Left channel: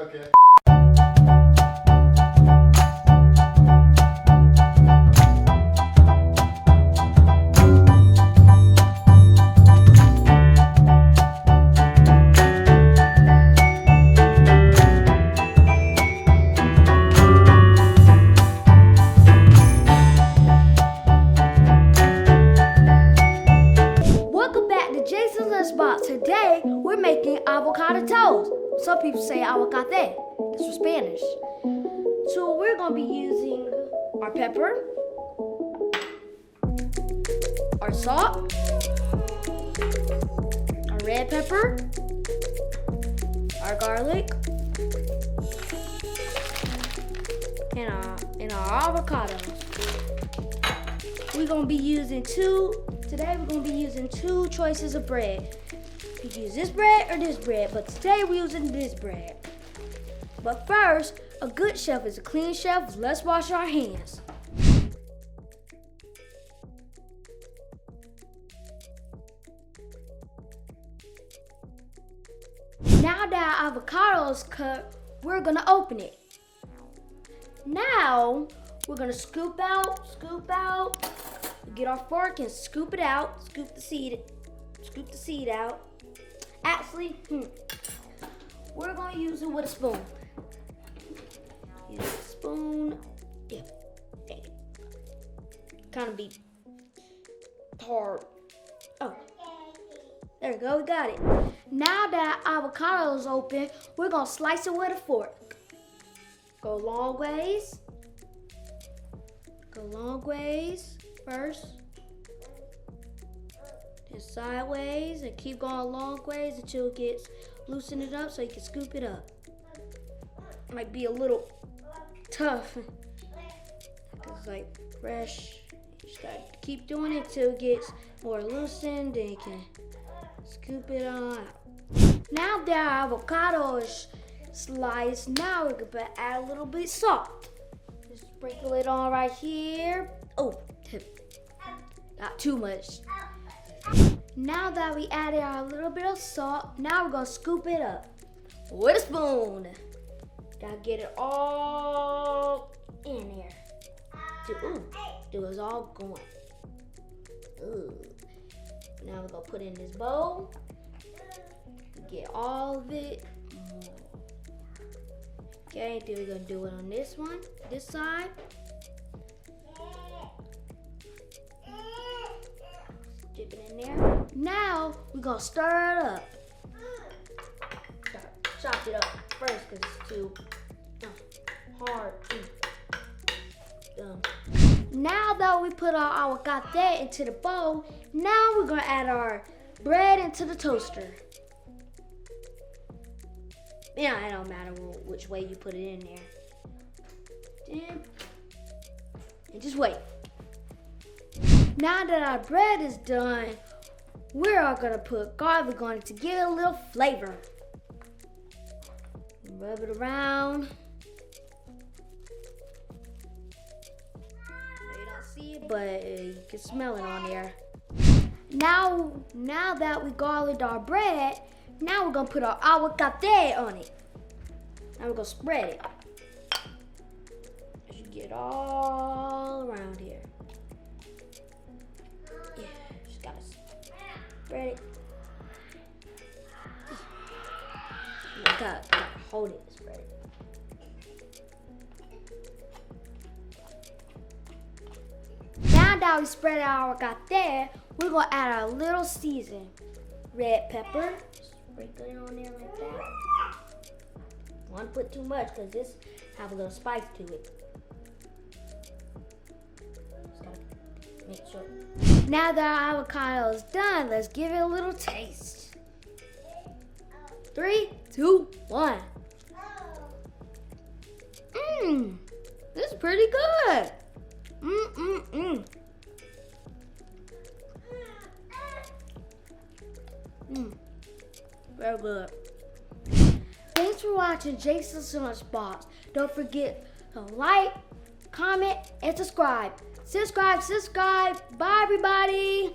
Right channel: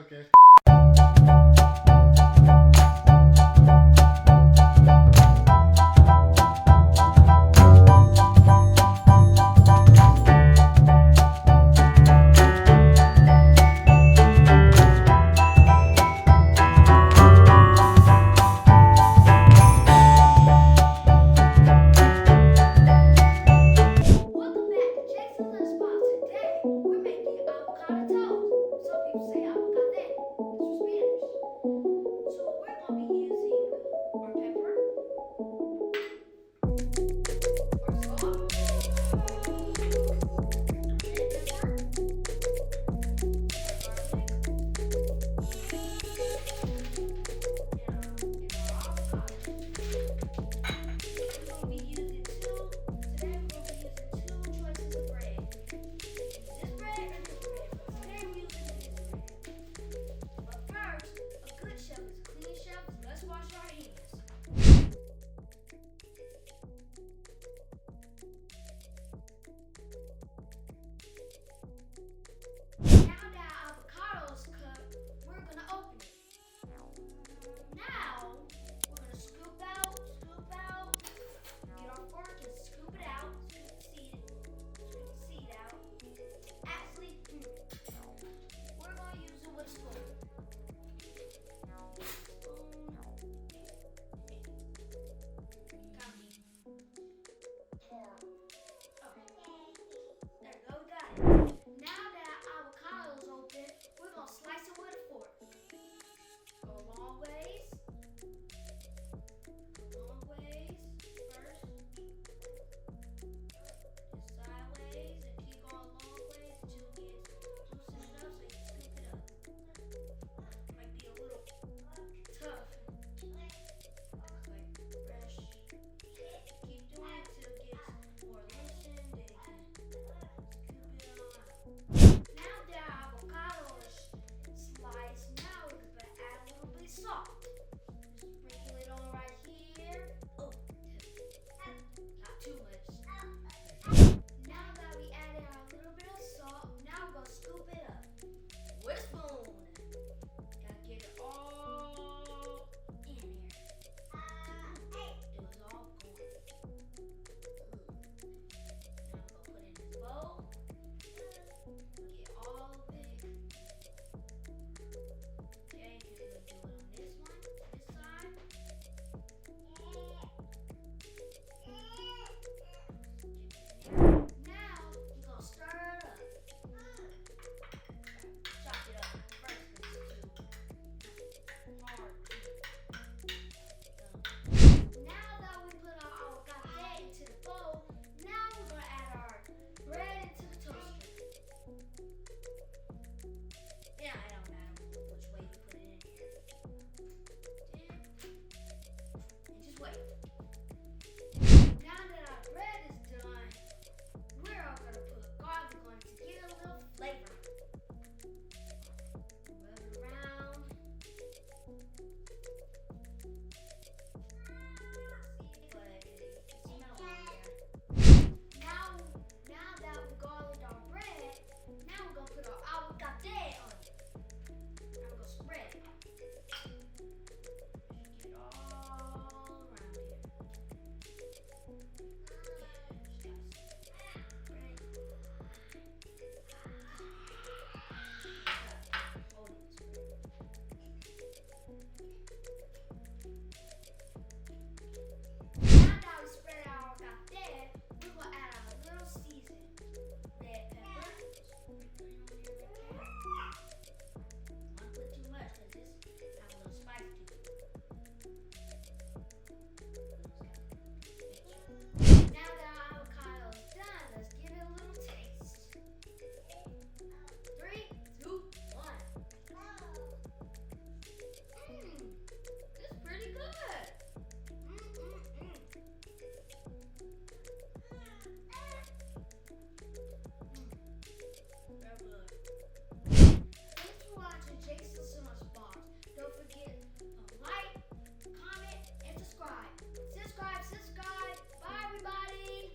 Okay. Welcome back to Jace's Lunchbox. Today we're making avocado toast. Some people say avocado. That's for Spanish. So we're gonna be using our pepper, our salt, our red pepper, our garlic, and our avocado. We're gonna be using Today we're going to be using two choices of bread. You can use this bread or this bread, but today we're using this bread. But first, a good chef is a clean chef. Let's wash our hands. Now that our avocado is cut, we're going to open it. Now, we're going to scoop out. Get our fork and scoop it out. Scoop the seed out. Actually, we're gonna use it with a spoon. Use a spoon. Yeah. Okay. Kind of be hard. Oh, there we go. We got it. Now that avocado is open, we're gonna slice it with a fork. Go long ways. First, just sideways and keep going long ways until it gets loosen it up so you can scoop it up. Might be a little tough. It's like fresh. You just gotta keep doing it till it gets more loosened and you can scoop it on out. Now that our avocado is sliced, now we're gonna add a little bit of salt. Just sprinkle it on right here. Oh, not too much. Now that we added our little bit of salt, now we're gonna scoop it up with a spoon. Gotta get it all in there. It was all going. Ooh. Now we're gonna put it in this bowl. Get all of it. Okay, then we're gonna do it on this side. Dip it in there. Now we're gonna stir it up. Chop it up first because it's too hard. Now that we put our avocado into the bowl, now we're gonna add our bread into the toaster. Yeah, it don't matter which way you put it in there. And just wait. Now that our bread is done, we're all gonna put garlic on it to give it a little flavor. Rub it around. You don't see it, but you can smell it on there. Now that we garliced our bread, now we're gonna put our avocado on it. Now we're gonna spread it. You get it all around here. Just gotta spread it. You gotta hold it and spread it. Now that we spread our avocado, we're gonna add our little season. Red pepper. Sprinkle it on there like that. Don't want to put too much because this have a little spice to it. Make sure. Now that our avocado is done, let's give it a little taste. 3, 2, 1. This is pretty good. Very good. Thanks for watching Jace's Lunchbox. Don't forget to like, comment, and subscribe. Subscribe. Bye, everybody.